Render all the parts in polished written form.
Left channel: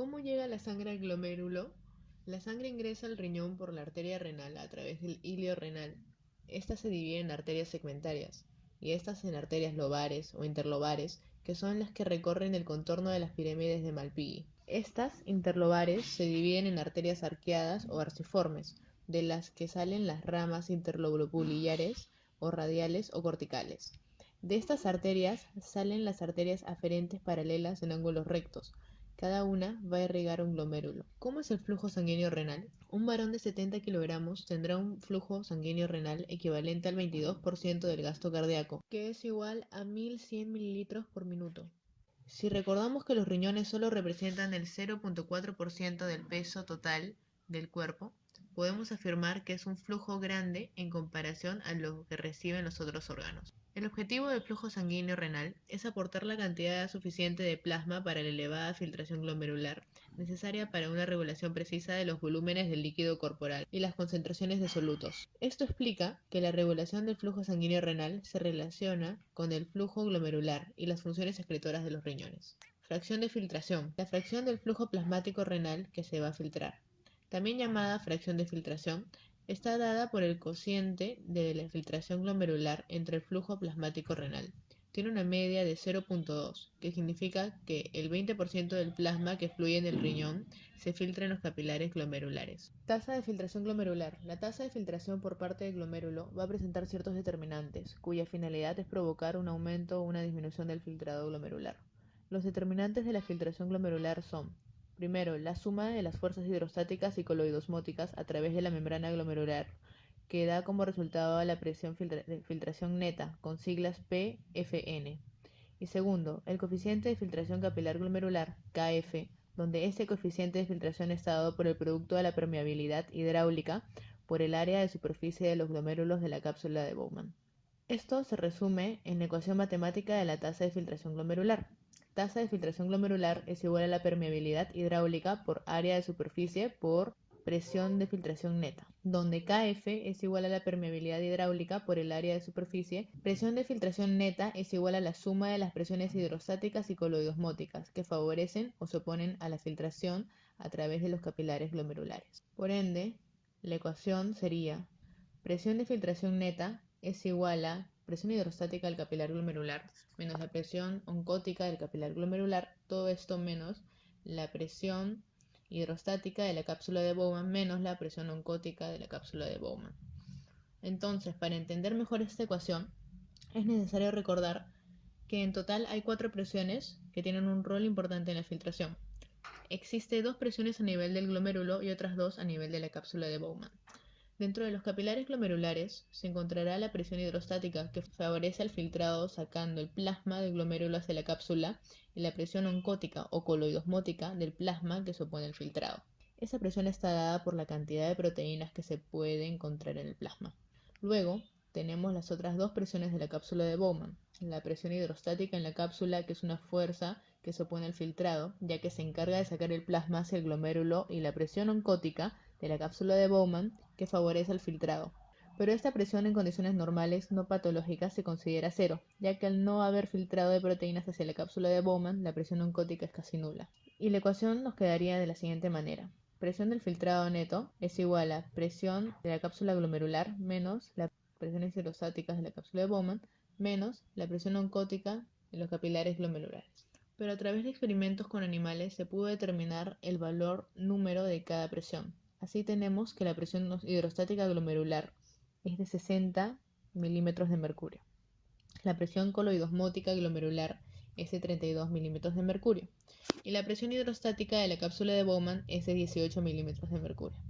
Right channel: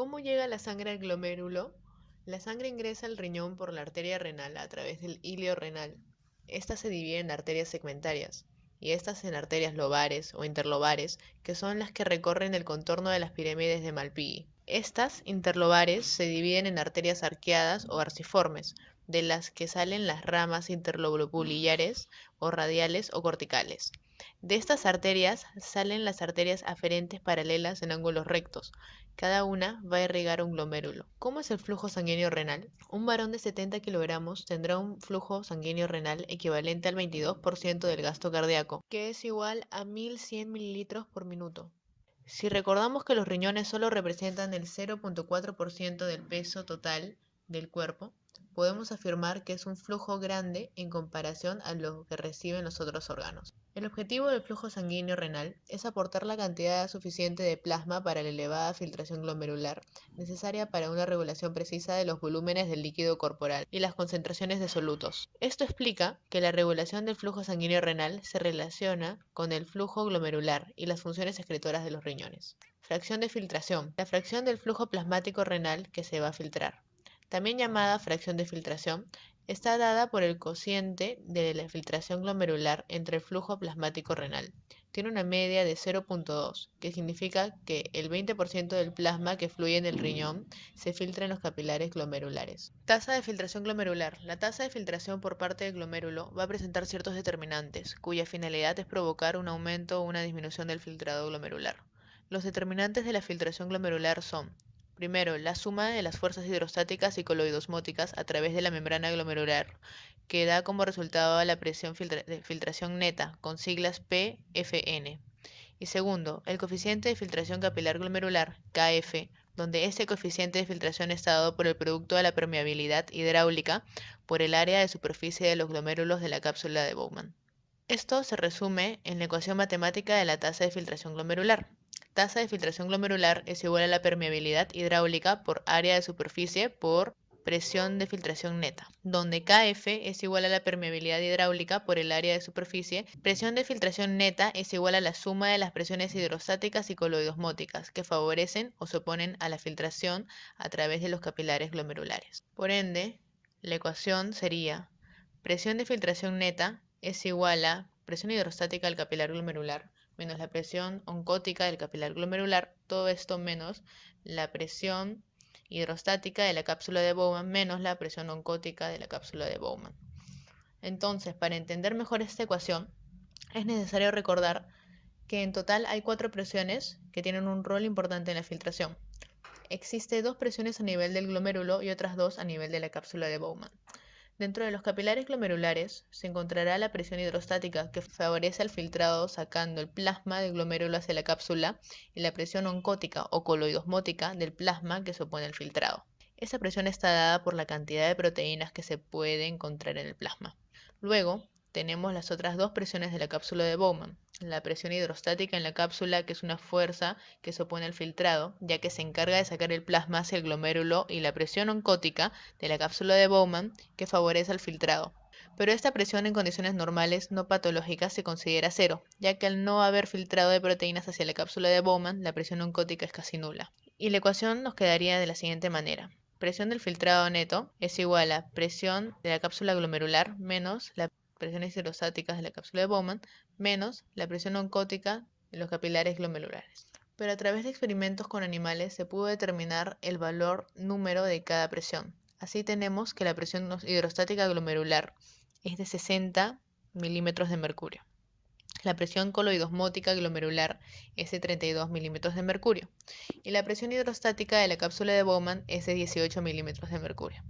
¿Cómo llega la sangre al glomérulo? La sangre ingresa al riñón por la arteria renal a través del hilio renal. Esta se divide en arterias segmentarias y estas en arterias lobares o interlobares, que son las que recorren el contorno de las pirámides de Malpighi. Estas interlobares se dividen en arterias arqueadas o arciformes, de las que salen las ramas interlobuliares o radiales o corticales. De estas arterias salen las arterias aferentes paralelas en ángulos rectos. Cada una va a irrigar un glomérulo. ¿Cómo es el flujo sanguíneo renal? Un varón de 70 kilogramos tendrá un flujo sanguíneo renal equivalente al 22% del gasto cardíaco, que es igual a 1100 mililitros por minuto. Si recordamos que los riñones solo representan el 0.4% del peso total del cuerpo, podemos afirmar que es un flujo grande en comparación a lo que reciben los otros órganos. El objetivo del flujo sanguíneo renal es aportar la cantidad suficiente de plasma para la elevada filtración glomerular necesaria para una regulación precisa de los volúmenes del líquido corporal y las concentraciones de solutos. Esto explica que la regulación del flujo sanguíneo renal se relaciona con el flujo glomerular y las funciones excretoras de los riñones. Fracción de filtración. La fracción del flujo plasmático renal que se va a filtrar, también llamada fracción de filtración, está dada por el cociente de la filtración glomerular entre el flujo plasmático renal. Tiene una media de 0.2, que significa que el 20% del plasma que fluye en el riñón se filtra en los capilares glomerulares. Tasa de filtración glomerular. La tasa de filtración por parte del glomérulo va a presentar ciertos determinantes, cuya finalidad es provocar un aumento o una disminución del filtrado glomerular. Los determinantes de la filtración glomerular son: primero, la suma de las fuerzas hidrostáticas y coloidosmóticas a través de la membrana glomerular, que da como resultado la presión de filtración neta, con siglas PFN. Y segundo, el coeficiente de filtración capilar glomerular, KF, donde este coeficiente de filtración está dado por el producto de la permeabilidad hidráulica por el área de superficie de los glomérulos de la cápsula de Bowman. Esto se resume en la ecuación matemática de la tasa de filtración glomerular. Tasa de filtración glomerular es igual a la permeabilidad hidráulica por área de superficie por presión de filtración neta, donde KF es igual a la permeabilidad hidráulica por el área de superficie. Presión de filtración neta es igual a la suma de las presiones hidrostáticas y coloidosmóticas que favorecen o se oponen a la filtración a través de los capilares glomerulares. Por ende, la ecuación sería: presión de filtración neta es igual a presión hidrostática del capilar glomerular menos la presión oncótica del capilar glomerular, todo esto menos la presión hidrostática de la cápsula de Bowman menos la presión oncótica de la cápsula de Bowman. Entonces, para entender mejor esta ecuación, es necesario recordar que en total hay 4 presiones que tienen un rol importante en la filtración. Existe 2 presiones a nivel del glomérulo y otras 2 a nivel de la cápsula de Bowman. Dentro de los capilares glomerulares se encontrará la presión hidrostática, que favorece el filtrado sacando el plasma del glomérulo hacia la cápsula, y la presión oncótica o coloidosmótica del plasma, que se opone al filtrado. Esa presión está dada por la cantidad de proteínas que se puede encontrar en el plasma. Luego tenemos las otras 2 presiones de la cápsula de Bowman. La presión hidrostática en la cápsula, que es una fuerza que se opone al filtrado, ya que se encarga de sacar el plasma hacia el glomérulo, y la presión oncótica de la cápsula de Bowman, que favorece el filtrado. Pero esta presión en condiciones normales no patológicas se considera cero, ya que al no haber filtrado de proteínas hacia la cápsula de Bowman, la presión oncótica es casi nula. Y la ecuación nos quedaría de la siguiente manera: presión del filtrado neto es igual a presión de la cápsula glomerular menos la presiones hidrostáticas de la cápsula de Bowman menos la presión oncótica de los capilares glomerulares. Pero a través de experimentos con animales se pudo determinar el valor número de cada presión. Así tenemos que la presión hidrostática glomerular es de 60 milímetros de mercurio. La presión coloidosmótica glomerular es de 32 milímetros de mercurio. Y la presión hidrostática de la cápsula de Bowman es de 18 milímetros de mercurio.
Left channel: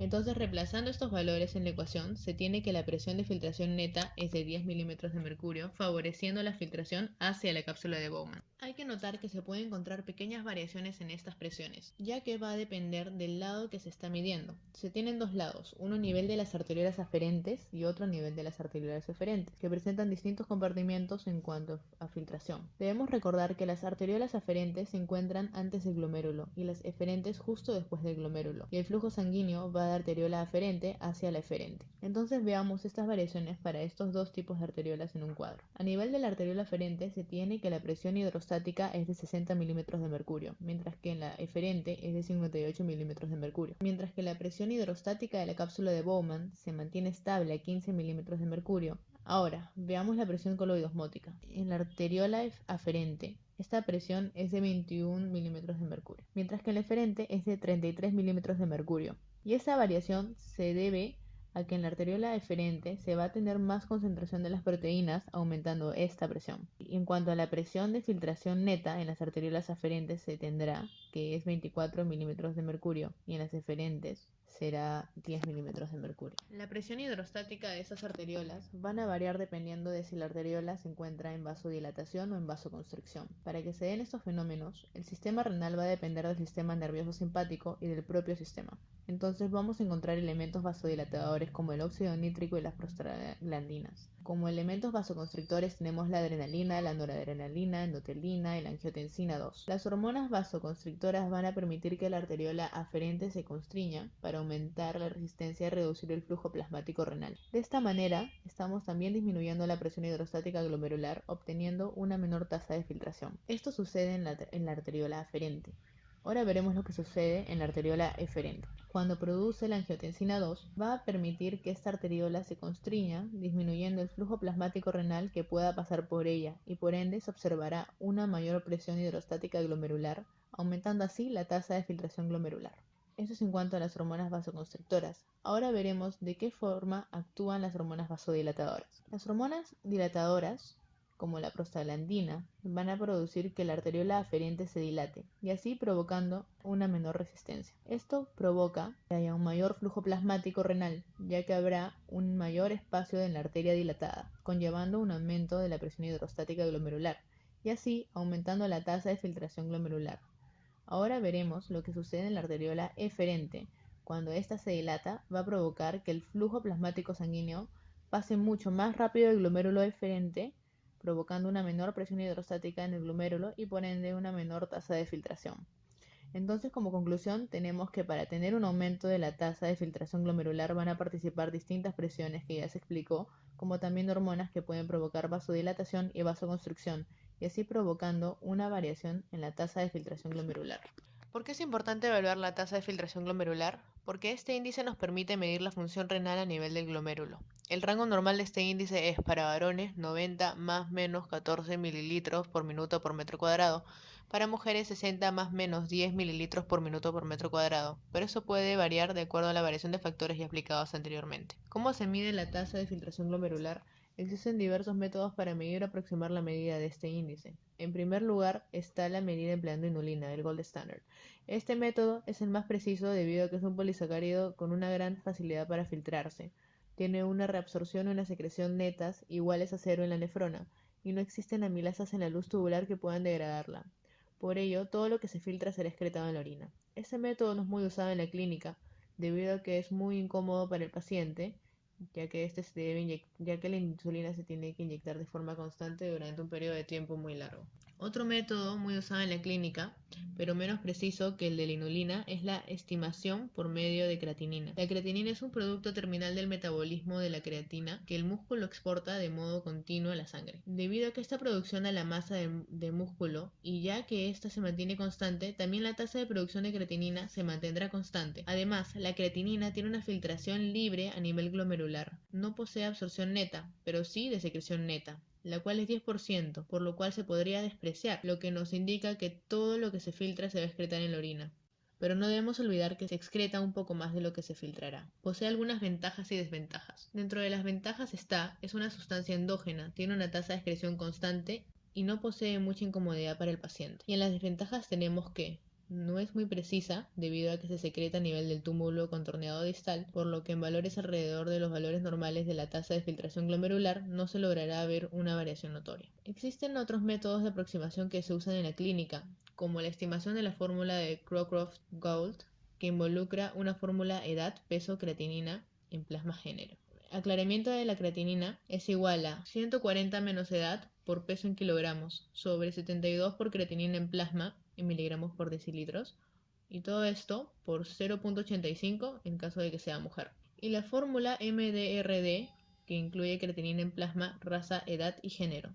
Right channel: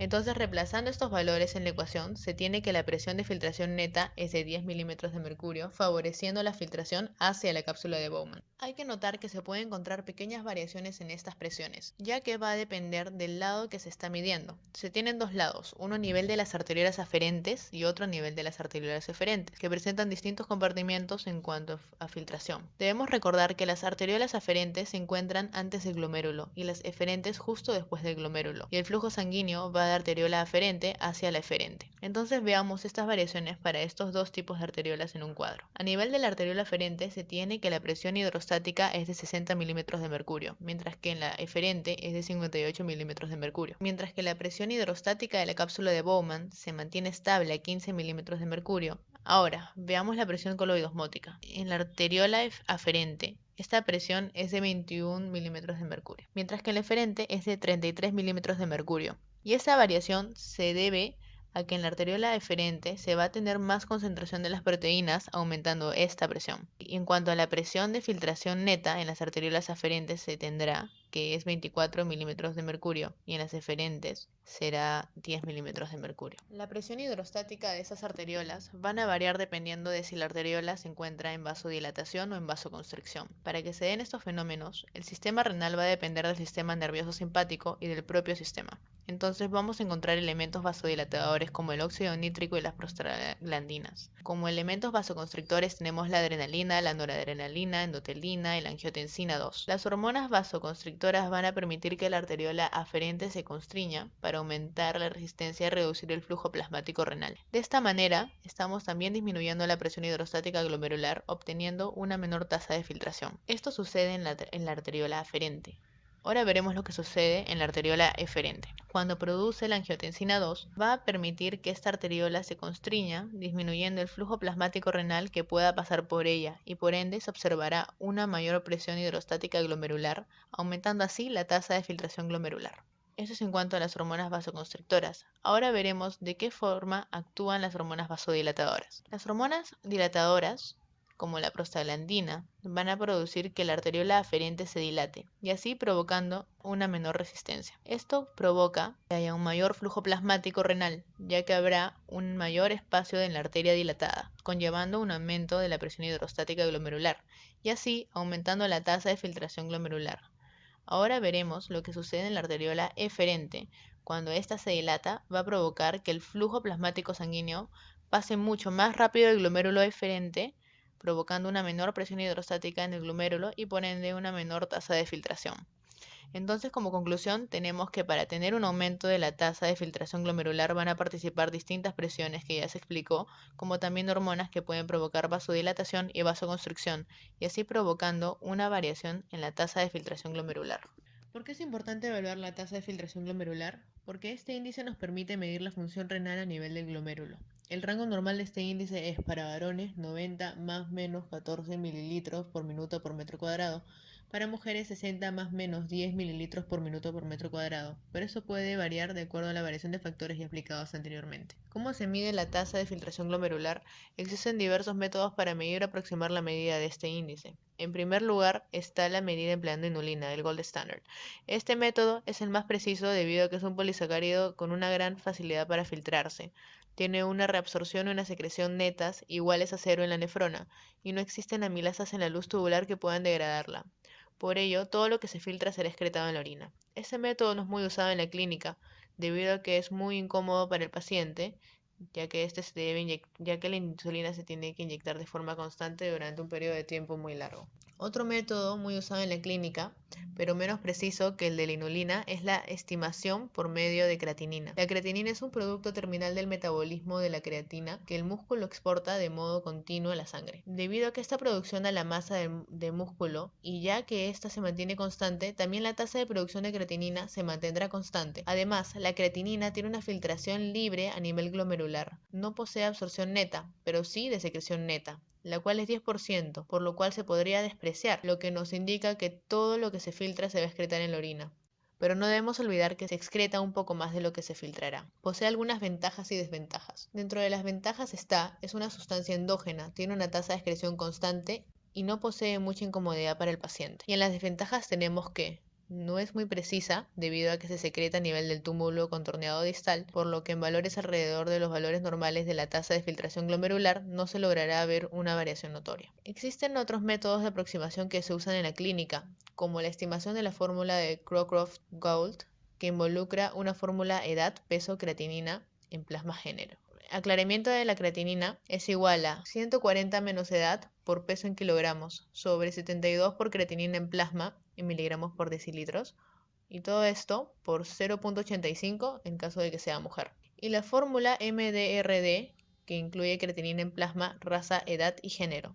Entonces, reemplazando estos valores en la ecuación, se tiene que la presión de filtración neta es de 10 milímetros de mercurio, favoreciendo la filtración hacia la cápsula de Bowman. Hay que notar que se pueden encontrar pequeñas variaciones en estas presiones, ya que va a depender del lado que se está midiendo. Se tienen 2 lados, uno a nivel de las arteriolas aferentes y otro a nivel de las arteriolas eferentes, que presentan distintos compartimientos en cuanto a filtración. Debemos recordar que las arteriolas aferentes se encuentran antes del glomérulo y las eferentes justo después del glomérulo, y el flujo sanguíneo va va de arteriola aferente hacia la eferente. Entonces veamos estas variaciones para estos dos tipos de arteriolas en un cuadro. A nivel de la arteriola aferente se tiene que la presión hidrostática es de 60 milímetros de mercurio, mientras que en la eferente es de 58 milímetros de mercurio. Mientras que la presión hidrostática de la cápsula de Bowman se mantiene estable a 15 milímetros de mercurio. Ahora, veamos la presión coloidosmótica. En la arteriola aferente, esta presión es de 21 milímetros de mercurio, mientras que en la eferente es de 33 milímetros de mercurio. Y esta variación se debe a que en la arteriola eferente se va a tener más concentración de las proteínas, aumentando esta presión. Y en cuanto a la presión de filtración neta, en las arteriolas aferentes se tendrá que es 24 milímetros de mercurio y en las eferentes será 10 milímetros de mercurio. La presión hidrostática de esas arteriolas van a variar dependiendo de si la arteriola se encuentra en vasodilatación o en vasoconstricción. Para que se den estos fenómenos, el sistema renal va a depender del sistema nervioso simpático y del propio sistema. Entonces vamos a encontrar elementos vasodilatadores como el óxido nítrico y las prostaglandinas. Como elementos vasoconstrictores tenemos la adrenalina, la noradrenalina, endotelina y la angiotensina 2. Las hormonas vasoconstrictoras van a permitir que la arteriola aferente se constriña para aumentar la resistencia y reducir el flujo plasmático renal. De esta manera, estamos también disminuyendo la presión hidrostática glomerular, obteniendo una menor tasa de filtración. Esto sucede en la arteriola aferente. Ahora veremos lo que sucede en la arteriola eferente. Cuando produce la angiotensina 2, va a permitir que esta arteriola se constriña, disminuyendo el flujo plasmático renal que pueda pasar por ella y por ende se observará una mayor presión hidrostática glomerular, aumentando así la tasa de filtración glomerular. Eso es en cuanto a las hormonas vasoconstrictoras. Ahora veremos de qué forma actúan las hormonas vasodilatadoras. Las hormonas dilatadoras, como la prostaglandina, van a producir que la arteriola aferente se dilate y así provocando una menor resistencia. Esto provoca que haya un mayor flujo plasmático renal, ya que habrá un mayor espacio en la arteria dilatada, conllevando un aumento de la presión hidrostática glomerular y así aumentando la tasa de filtración glomerular. Ahora veremos lo que sucede en la arteriola eferente. Cuando ésta se dilata, va a provocar que el flujo plasmático sanguíneo pase mucho más rápido del glomérulo eferente, provocando una menor presión hidrostática en el glomérulo y por ende una menor tasa de filtración. Entonces, como conclusión, tenemos que para tener un aumento de la tasa de filtración glomerular van a participar distintas presiones que ya se explicó, como también hormonas que pueden provocar vasodilatación y vasoconstricción, y así provocando una variación en la tasa de filtración glomerular. ¿Por qué es importante evaluar la tasa de filtración glomerular? Porque este índice nos permite medir la función renal a nivel del glomérulo. El rango normal de este índice es para varones 90 más menos 14 mililitros por minuto por metro cuadrado, para mujeres 60 más menos 10 mililitros por minuto por metro cuadrado, pero eso puede variar de acuerdo a la variación de factores ya explicados anteriormente. ¿Cómo se mide la tasa de filtración glomerular? Existen diversos métodos para medir o aproximar la medida de este índice. En primer lugar está la medida empleando inulina, el gold standard. Este método es el más preciso debido a que es un polisacárido con una gran facilidad para filtrarse. Tiene una reabsorción y una secreción netas iguales a cero en la nefrona, y no existen amilasas en la luz tubular que puedan degradarla. Por ello, todo lo que se filtra será excretado en la orina. Este método no es muy usado en la clínica, debido a que es muy incómodo para el paciente, ya que la insulina se tiene que inyectar de forma constante durante un periodo de tiempo muy largo. Otro método muy usado en la clínica, pero menos preciso que el de la inulina, es la estimación por medio de creatinina. La creatinina es un producto terminal del metabolismo de la creatina que el músculo exporta de modo continuo a la sangre. Debido a que esta producción a la masa de músculo y ya que ésta se mantiene constante, también la tasa de producción de creatinina se mantendrá constante. Además, la creatinina tiene una filtración libre a nivel glomerular. No posee absorción neta, pero sí de secreción neta, la cual es 10%, por lo cual se podría despreciar, lo que nos indica que todo lo que se filtra se va a excretar en la orina. Pero no debemos olvidar que se excreta un poco más de lo que se filtrará. Posee algunas ventajas y desventajas. Dentro de las ventajas es una sustancia endógena, tiene una tasa de excreción constante y no posee mucha incomodidad para el paciente. Y en las desventajas tenemos que no es muy precisa debido a que se secreta a nivel del túmulo contorneado distal, por lo que en valores alrededor de los valores normales de la tasa de filtración glomerular no se logrará ver una variación notoria. Existen otros métodos de aproximación que se usan en la clínica, como la estimación de la fórmula de Crocroft-Gault, que involucra una fórmula edad, peso, creatinina en plasma género. Aclaramiento de la creatinina es igual a 140 menos edad por peso en kilogramos sobre 72 por creatinina en plasma en miligramos por decilitros y todo esto por 0,85 en caso de que sea mujer. Y la fórmula MDRD, que incluye creatinina en plasma, raza, edad y género.